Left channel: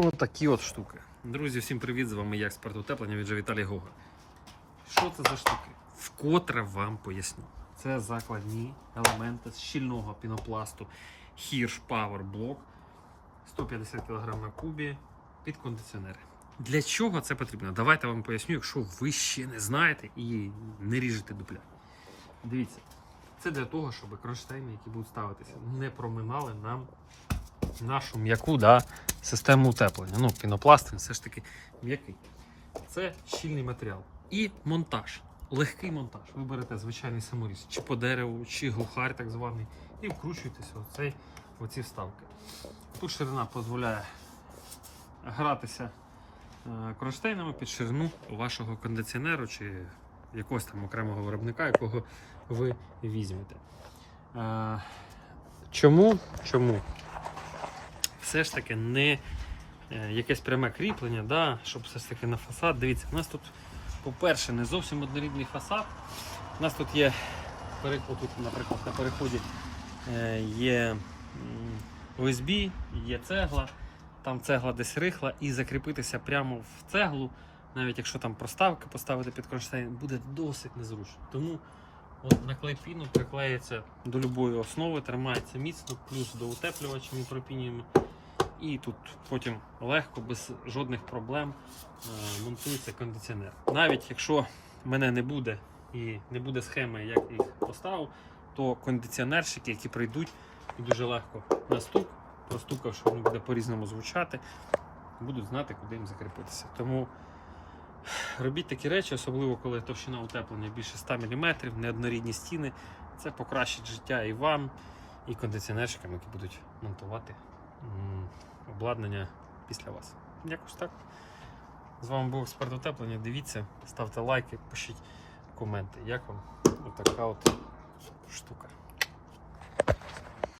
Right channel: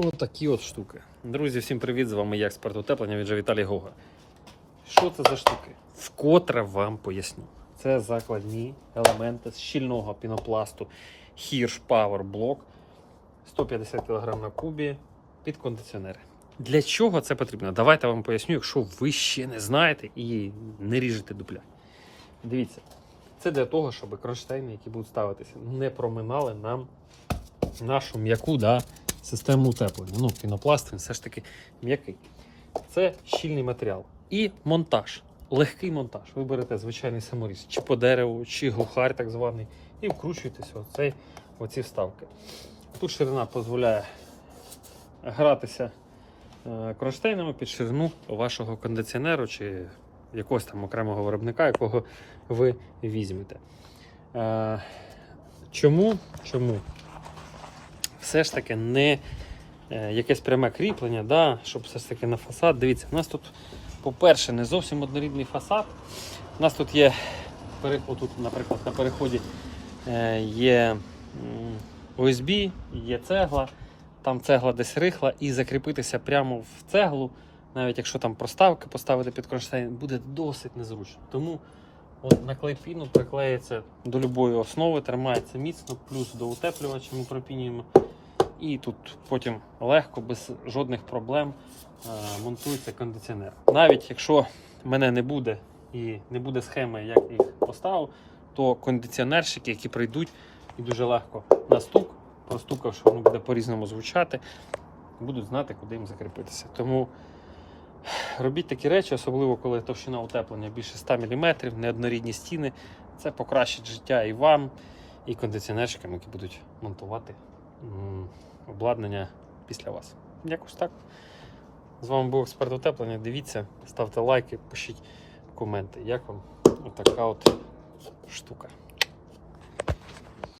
Отакі от штуки. Друзі, всім привіт! З вами я, експерт утеплення від Віталій Гога. Що це за штуки? Вкотре вам поясню. Це закладні елементи з щільного пінопласту Hirsch Power Block 150 кг на кубі під кондиціонери. Для чого це потрібно? Давайте вам поясню, якщо ви ще не знаєте і не ріжете дупля. Дивіться, це для того, щоб кронштейни, які будуть ставитися, не проминали нам нашу м'яку да, систему утеплення. Ну, пінопласт він все ж таки м'який. Це щільний матеріал. І монтаж. Легкий монтаж. Ви берете звичайний саморіз, чи по дереву, чи глухарь так званий, і вкручуєтеся в цей, оці вставки. Тут ширина дозволяє гратися е, кронштейнами під ширину вашого кондиціонеру чи якогось там окремого виробника, якого ви візьмете. Е, Чому? Чому? Все ж таки не е, якесь пряме кріплення, да, щоб все ж таки на фасад. Дивіться, у нас тут, по-перше, не зовсім однорідний фасад. У нас тут є, отут, наприклад, на переході е, є м, OSB, є цегла, там цегла десь рихла, і закріпитися прямо в цеглу, навіть якщо там проставки поставити під кронштейн, буде досить незручно. Тому от на клейпіну приклеїться до любої основи, тримається міцно, плюс до утеплювача ми пропінюємо. І тут потім легко, без жодних проблем е, монтується кондиціонер. Навіть якщо мене не буде і не буде схеми, як їх поставив, то кондиціонерщики, які прийдуть і дуже легко на стук, простукавши, воно буде по-різному звучати, будуть знати, куди їм закріпитися. Тому робіть такі речі, особливо коли товщина утеплення більше 100 мм, неоднорідні стіни. Це покращить життя і вам, і кондиціонерщикам, які будуть монтувати обладнання після вас. Якось так. З вами був експерт утеплення. Дивіться, ставте лайки, пишіть коменти. Як вам така от штука.